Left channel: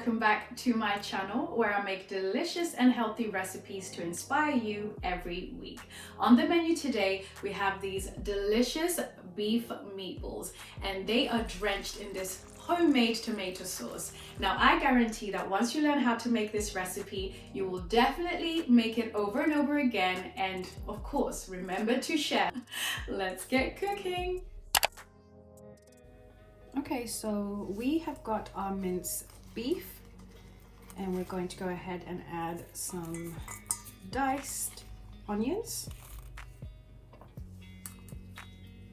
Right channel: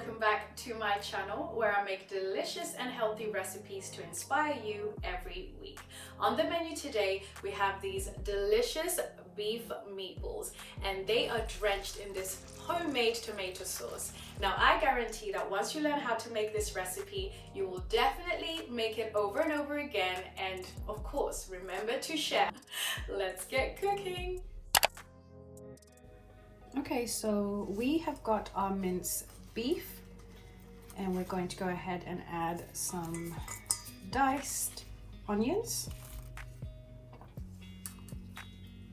welcome back to my channel where I make delicious and healthy recipes to inspire you every week. On the menu today, we have these delicious beef meatballs, and they are drenched in this homemade tomato sauce. Now, I guarantee that once you learn how to make this recipe, you will definitely make it over and over again, and of course, remember to share. Let's get cooking. Okay, so we have got our minced beef, and we're going to go ahead and add some diced onions,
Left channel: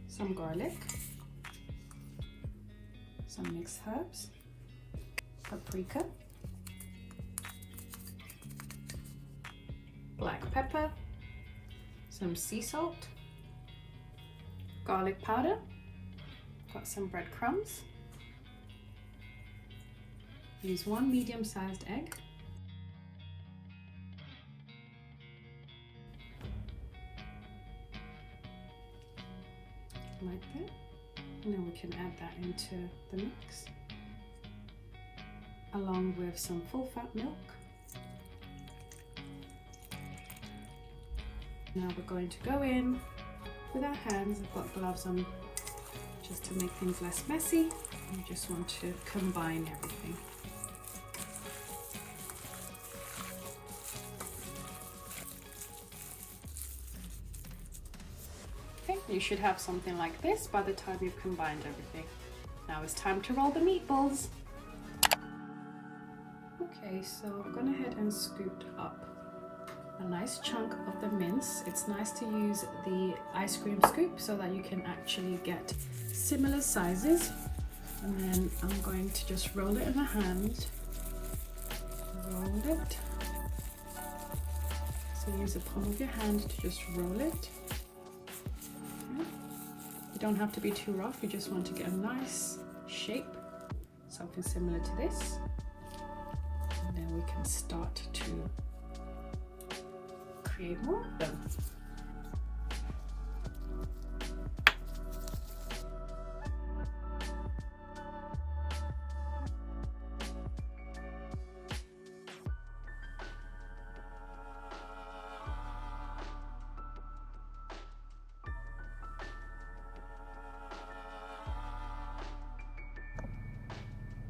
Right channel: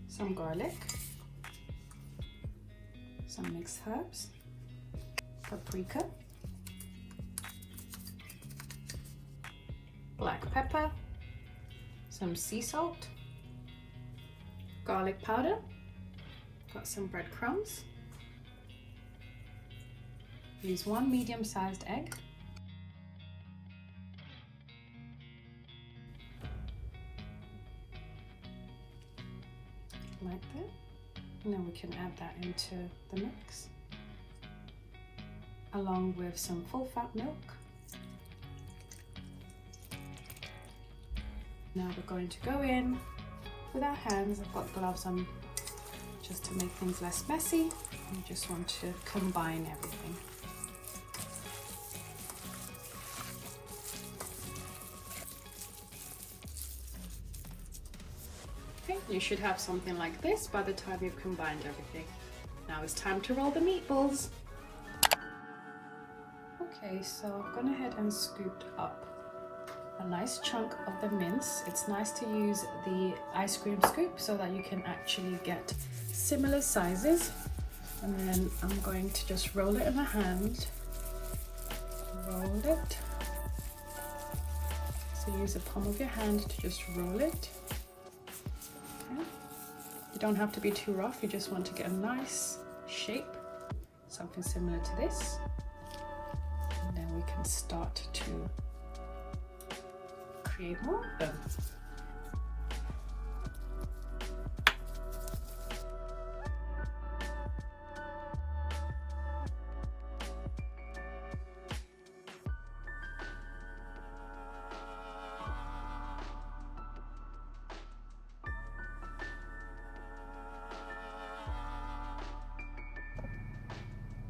some garlic, some mixed herbs, paprika, black pepper, some sea salt, garlic powder, got some breadcrumbs. Use one medium-sized egg. Like that. And then we can add that into the mix, along with some full-fat milk. Now we're going to go in with our hands. I've got gloves on just to make things less messy. You just want to combine everything. Okay, you should have something like this by the time you've combined everything. Now it's time to roll the meatballs. Okay, so I've gone ahead and scooped up a nice chunk of the mince. It's nice to use the ice cream scoop so that you can actually get similar sizes. And then I'm going to just roll it in my hand. Roll it. So use the palm of your hand to just roll it. Okay. You don't have to be too rough, you just want to get a nice shape, something similar to this. And then we can start to create more of them.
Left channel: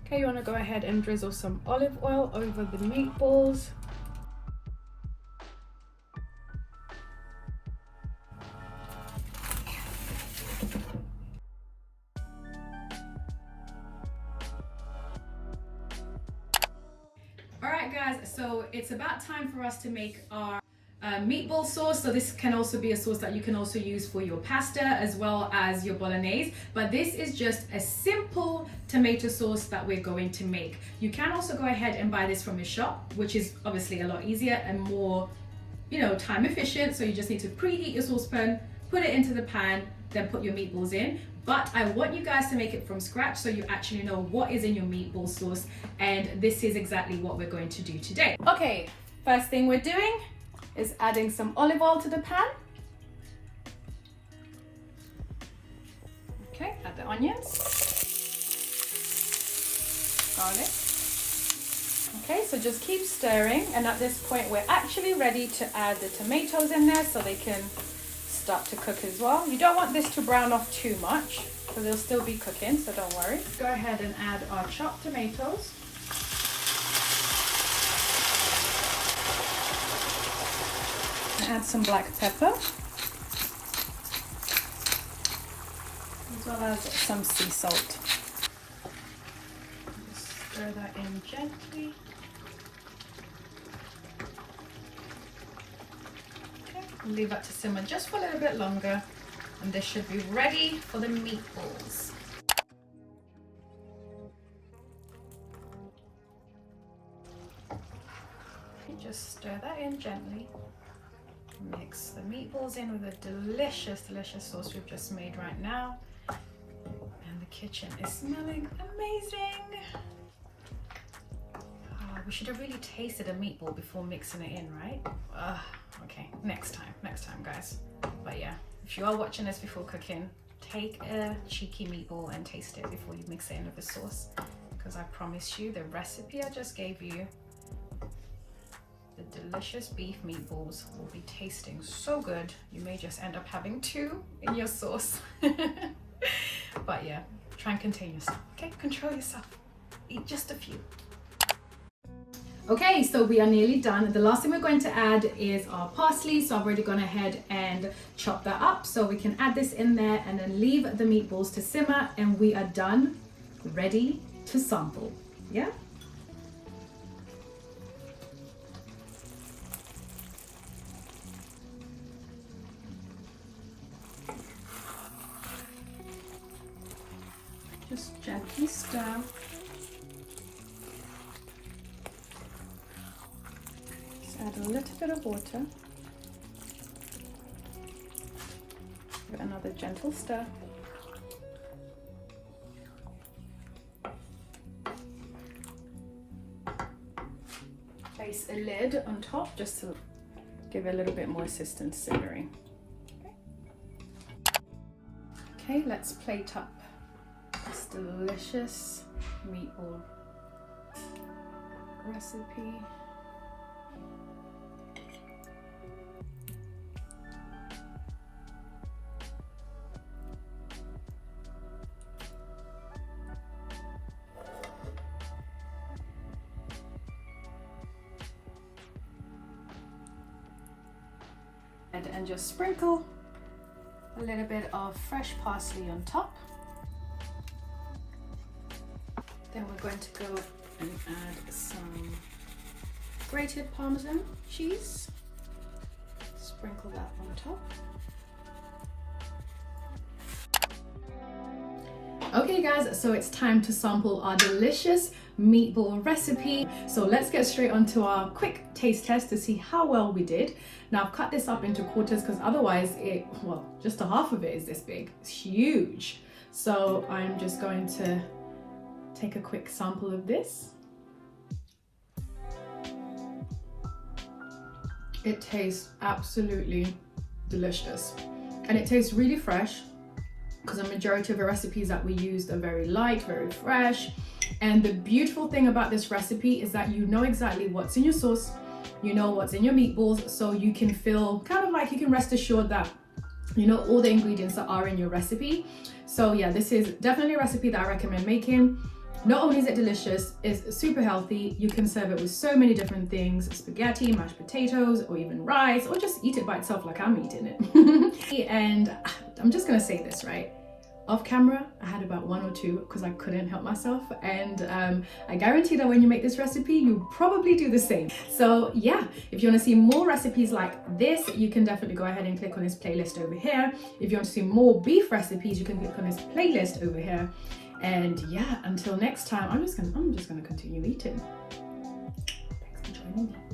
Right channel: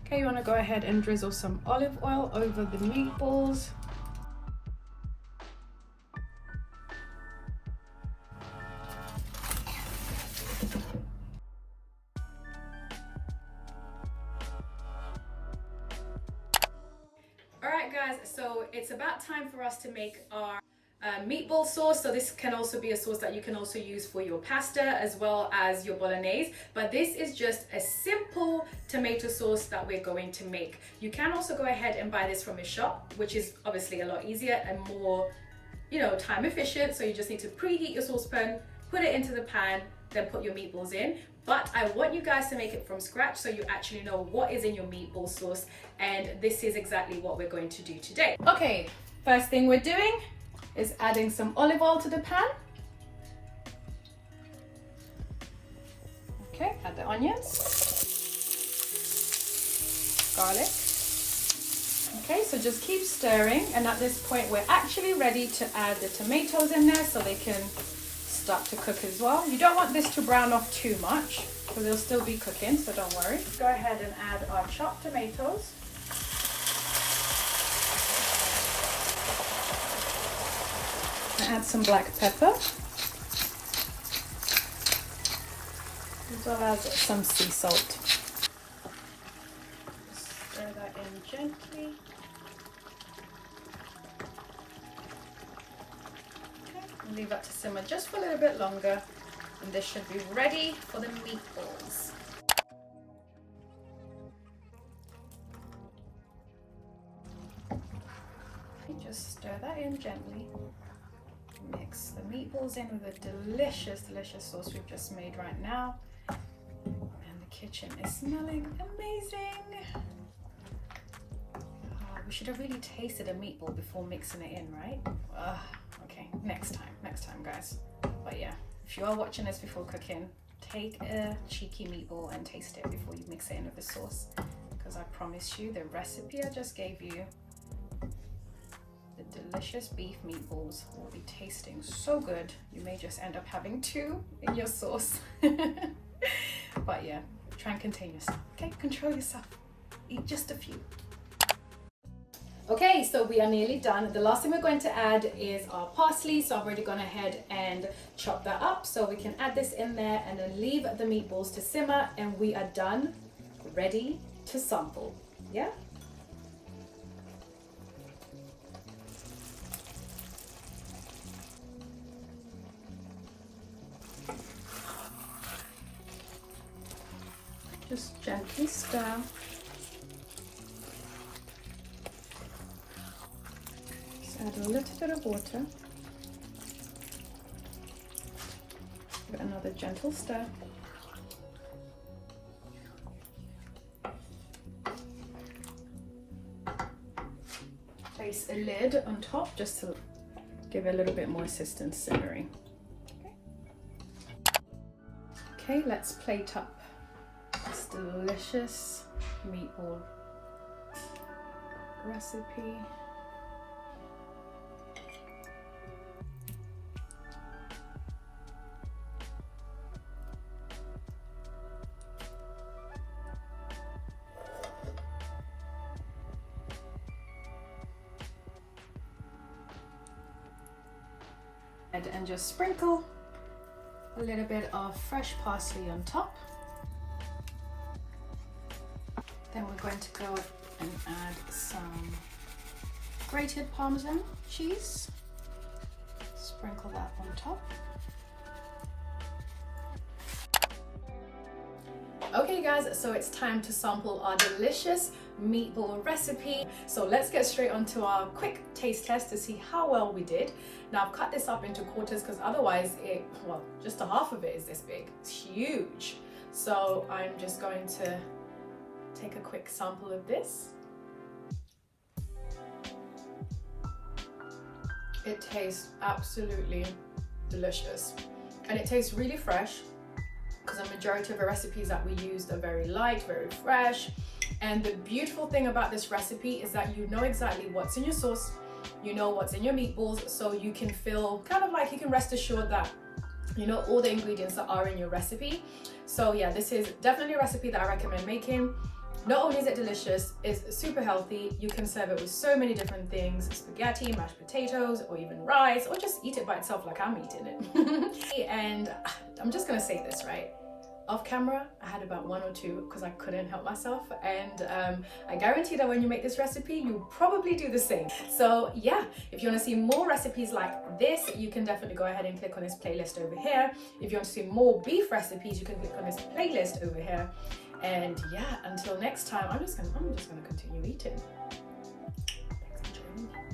Okay, you want to go ahead and drizzle some olive oil over the meatballs. Alright guys, so it's about time for us to make our meatball sauce. So this can also be a sauce that you can also use for your pasta as well as your bolognese, but this is just a simple tomato sauce that we're going to make. You can also go ahead and buy this from a shop, which is obviously a lot easier and more, time efficient. So you just need to preheat your saucepan, put it into the pan, then put your meatballs in. But I want you guys to make it from scratch so you actually know what is in your meatball sauce, and this is exactly what we're going to do today. Okay, first thing we're doing is adding some olive oil to the pan. Okay, add the onions, garlic. Okay, so just keep stirring, and at this point we're actually ready to add the tomatoes in there so they can start to cook as well. You don't want this to brown off too much because they'll still be cooking, so don't worry. Go ahead and add our chopped tomatoes. Add some black pepper, as well as some sea salt. Just stir that in gently. Okay, and leave that to simmer just for a little bit longer, and this should be ready for the meatballs. Okay, just stir that in gently. Mix the meatballs in with a delicious, delicious sauce we've just made right now. And the kitchen is smelling amazing. Oh, we should have really tasted a meatball before mixing it in, right? Okay, next time guys. But yeah, if you are watching this before cooking, take a cheeky meatball and taste it before you mix it in with the sauce, because I promised you the recipe I just gave you, the delicious beef meatballs, will be tasting so good. You may just end up having 2 in your sauce. But yeah, try and contain yourself, okay? Control yourself. Eat just a few. Okay, so we are nearly done. The last thing we're going to add is our parsley. So I've already gone ahead and chopped that up. So we can add this in there and then leave the meatballs to simmer, and we are done, ready to sample. Yeah? Just gently stir. Add a little bit of water. Give it another gentle stir. Place a lid on top just to give it a little bit more assistance simmering. Okay, let's plate up this delicious meatball recipe. And just sprinkle a little bit of fresh parsley on top. Then we're going to go and add some grated Parmesan cheese. Sprinkle that on top. Okay guys, so it's time to sample our delicious meatball recipe. So let's get straight onto our quick taste test to see how well we did. Now I've cut this up into quarters because otherwise just a half of it is this big. It's huge. So I'm just going to take a quick sample of this. It tastes absolutely delicious and it tastes really fresh, because the majority of the recipes that we used are very light, very fresh. And the beautiful thing about this recipe is that you know exactly what's in your sauce, you know what's in your meatballs, so you can feel kind of like you can rest assured that you know all the ingredients that are in your recipe. So yeah, this is definitely a recipe that I recommend making. Not only is it delicious, it's super healthy. You can serve it with so many different things: spaghetti, mashed potatoes, or even rice, or just eat it by itself like I'm eating it. And I'm just gonna say this, right? Off camera, I had about 1 or 2 because I couldn't help myself, and I guarantee that when you make this recipe, you probably do the same. So yeah, if you want to see more recipes like this, you can definitely go ahead and click on this playlist over here. If you want to see more beef recipes, you can click on this playlist over here. And yeah, until next time, I'm just gonna continue eating. Thanks for joining me.